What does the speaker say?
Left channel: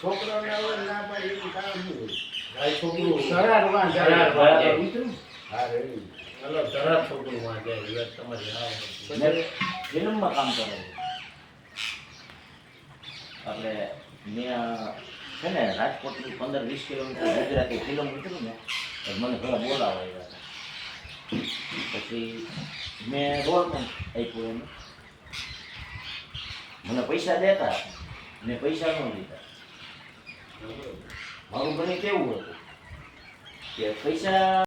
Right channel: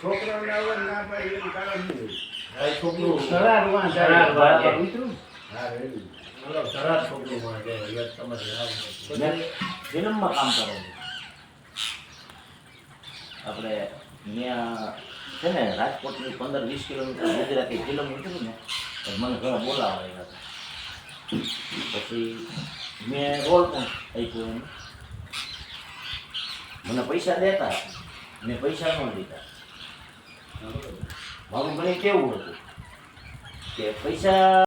છોકરાને આવે ના પાડી એવું કારણ નહીં ભાઈ છોકરું સરારવા સરારવા જાય જાય. ઉતરું હા રેડી ચાલો જરા છોકરું માં જાય હવે તમારે ફિલ્મમાં કામ કરે છે આપણે ત્યાં છે ને રાજકોટની 15-20 કિલોમીટર ગુજરાતી ફિલ્મ ઉતરી ને તો મને ઘણા બોલાવા આવ્યા હતા. પછી મેં રોલ પણ આપ્યો એને, મને પૈસા દેતા, મેં પૈસા ન લીધા. મારું ઘણી કેવું હતું કે પૈસા